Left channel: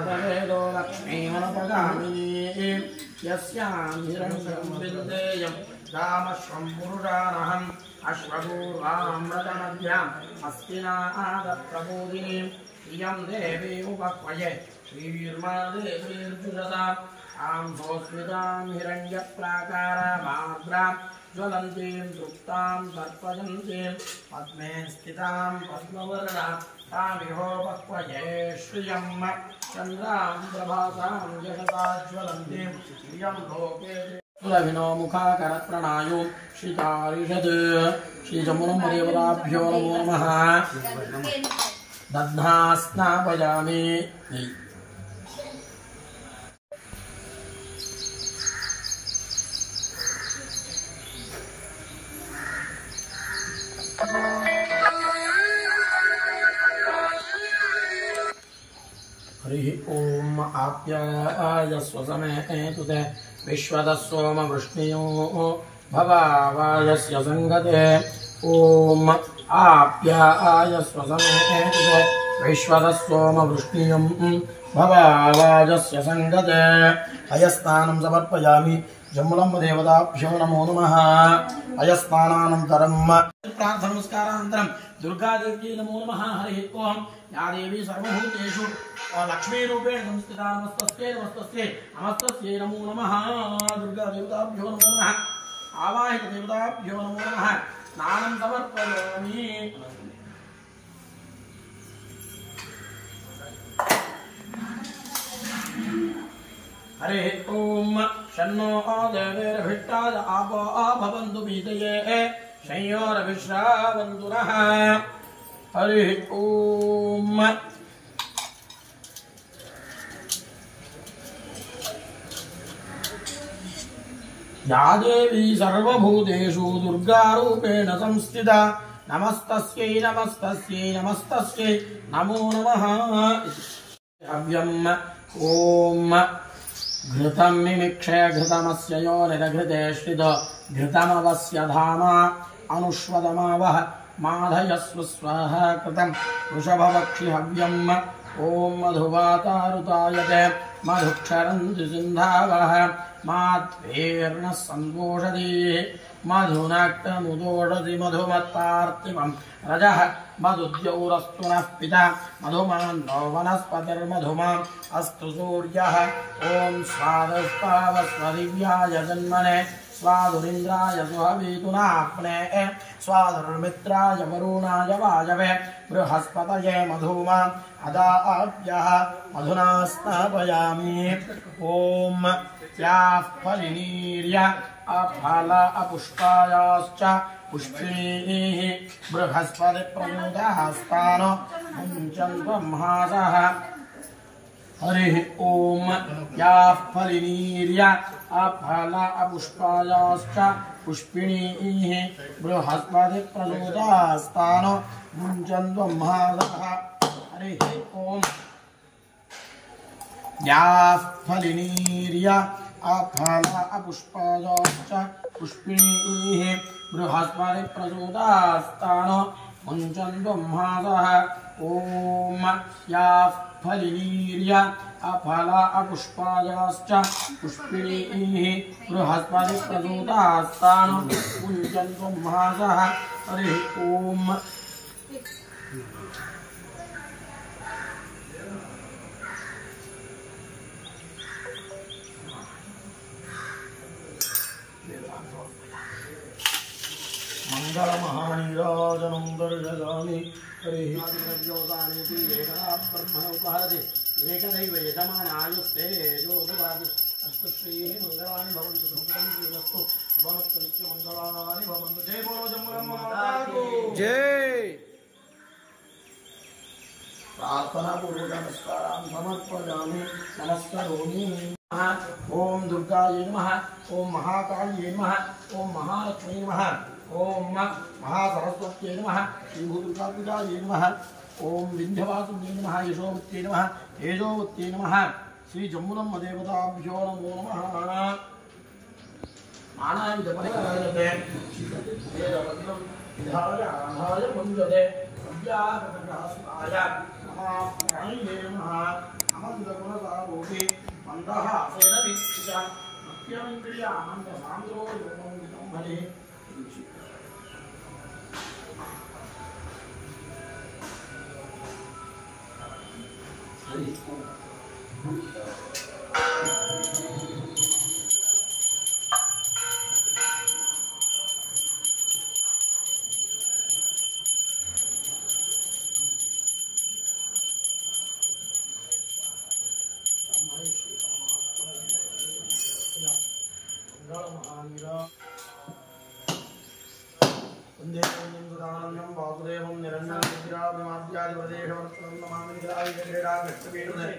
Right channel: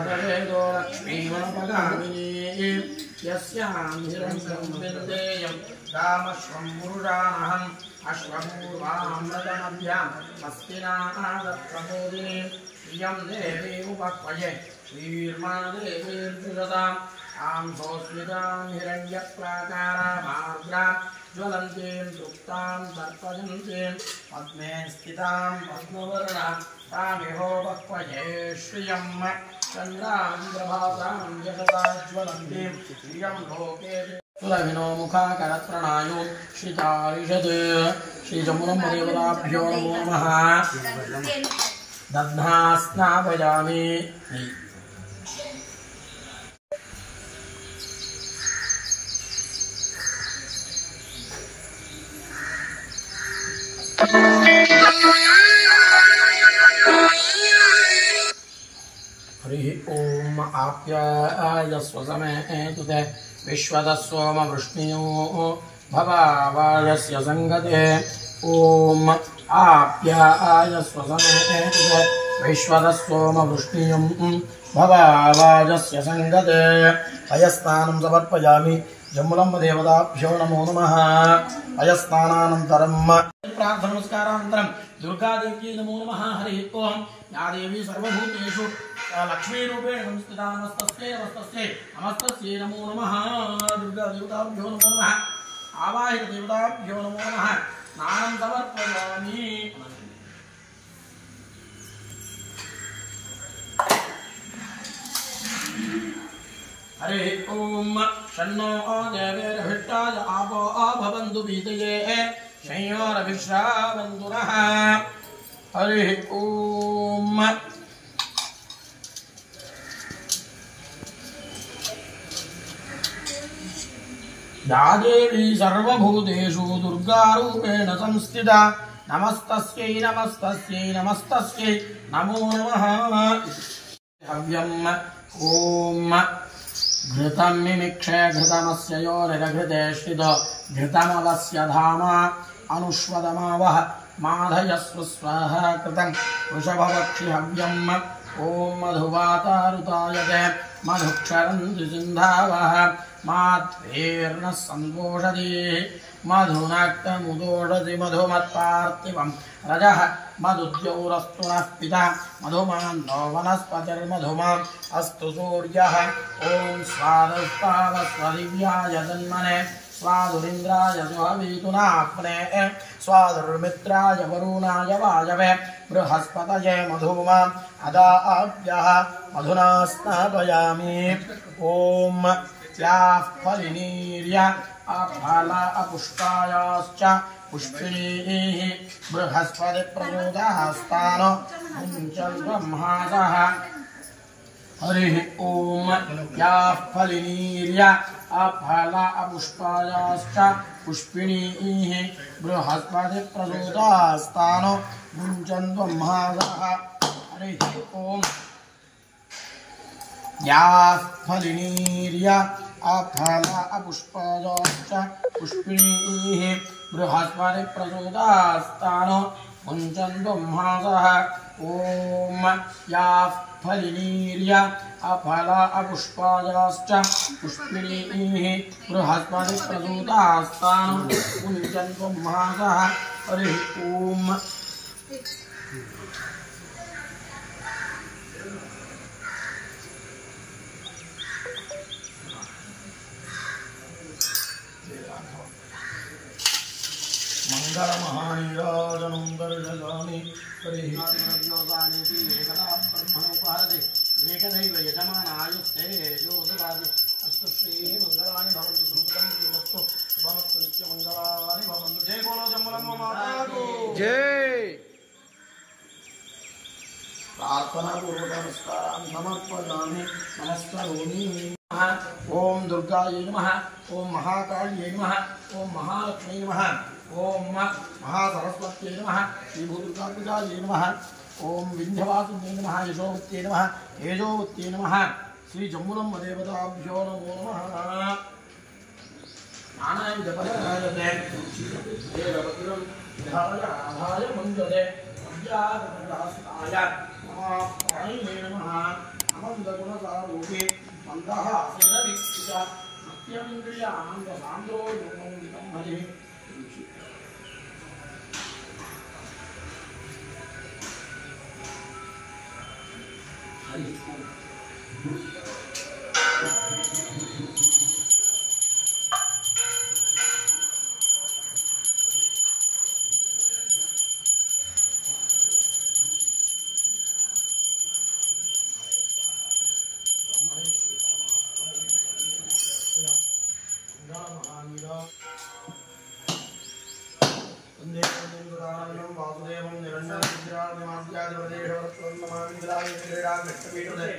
जातवेदो लक्ष्मीमनुपगामिनी यस्यां हिरण्यं विन्देयं रामश्वं पुरुषाणहम् अश्वपूर्वामृतमध्याम् अस्तिनादप्रबोधिनीं श्रियं देवी उपक्वये श्रीर्मा देवीर्विशताम् आं सोऽस्मितां हिरण्यप्राकारामार्द्रां ज्वलन्तीं तृप्तां तर्पयन्तीं पद्मे स्थितां पद्मवर्णां तामिहोपक्वये श्रियं चन्द्रां प्रभातां यशसा ज्वलन्तीं श्रियं लोके सुरभिनो मुखाकरप्रणायो श्रीचारिषत् श्रीजमुनम्बदेवताभ्यो नमो नमः दध्ना स्नापयामि हरि ओम आप्यायस्व समेतु ते विश्वतः वृष्णियो भवावायस्य संगते ओम आप्यायस्व समेतु ते विश्वतः वृष्णियं भवावायस्य संगते अयस्नानं समर्पयामि जम्बुलम्बदेवताभ्यो नमो नमः अयस्नानानन्तरं प्रार्थना नमस्कारानन्तरं दुर्गादेव्यै नमो नमः हरि ओम या देवी सर्वभूतेषु लक्ष्मीरूपेण संस्थिता नमस्तस्यै नमस्तस्यै नमस्तस्यै नमो नमः दुर्गादेवताभ्यो नमो नमः आवाहितदेवताभ्यो नमो नमः स्नानं समर्पयामि हरि ओम शन्नो देवैर्भिष्टाय आपो भवन्तु पीतये शंयोरभिश्रावन्तु नः हरि ओम या देवी सर्वभूतेषु दुर्गारूपेण संस्थिता नमस्तस्यै नमस्तस्यै नमस्तस्यै नमो नमः हव्यम् ओम घृतं मिमिक्षे घृतमस्य योनिरघृते श्रित घृतमवस्य धाम अनुष्वदमावह माधयस्व स्वाहा कृतं वृषभवक्षि हव्यम् ओम मधुवातारुतायते मधुक्षरन्ति सिन्धावः माध्वेर्नः सम्पोषति मधुनाक्तमुदोषति मधुमत्पार्थिवं रजः मधुद्यौरस्तु नः पिता मधुमान्नो वनस्पतिर्मधुमान् अस्तु सूर्यः ॐ स्वादस्तावस्वदिव्याय जन्मने स्वादुरिन्द्राय सुहवीतुनाप्ने स्वादुर्मित्राय वरुणाय वायवे बृहस्पतये मधुमान् अदाभ्यः मधुना स्नापयामि ॐ याः फलिनीर्य अफल अपुष्पायाश्च पुष्पिणीः बृहस्पतिप्रचोदयास्तान् मुञ्चन् ब्रह्मासः हरिः ॐ याः फलिनीर्य अफल अपुष्पायाश्च पुष्पिणीः बृहस्पतिप्रचोदयास्तान् मुञ्चन् ब्रह्मासः हरिः ॐ याः फलिनीर्य अफल अपुष्पायाश्च पुष्पिणीः बृहस्पतिप्रचोदयास्तान् मुञ्चन् ब्रह्मासः ॐ याः फलिनीर्य अफल अपुष्पायाश्च पुष्पिणीः बृहस्पतिप्रचोदयास्तान् मुञ्चन् ब्रह्मासः हरिः ॐ मंगलमहानीराजनं दर्शयामि हरिः द्रव्योदानीति एकदा ब्रह्मणोपहरति एकदैव यजमानायुस्ते योददाति अस्तु श्रीः मंगलानि भवन्तु सुखदं कीलस्तु शुभमस्तु नित्यमंगलानि भवन्तु जय बोलो जम्बुलम्ब माता को जय प्रार्थना पूर्वक नमस्कारान् समर्पयामि नमस्करोमि ओम दुर्गायै नमः ओम महाकाल्यै नमः ओम महालक्ष्मी नमः ओम महासरस्वत्यै नमः श्रीभूदुर्गापूजायै नमः ओम विन्ध्यवासिन्यै नमः यशोवत्यै नमः तेजोवत्यै नमः श्रीजम्बुलम्बदेवताभ्यो नमो नमः नानाविधपरिकरायते देवपतिलं विधाय मञ्जते अव्याकृतदास्ताय नमः प्राणिये नमः आनन्दगुणसारूपे मन्दहासेन वीक्षित नित्यमिन्द्रिय आनन्दसान्द्रो योगोदितं हरे हरि वासुदेवं निरञ्जनं विराजमाद्यादिप्रदेशवरत्रं नमामि क्रीडा कृष्णपीठुदे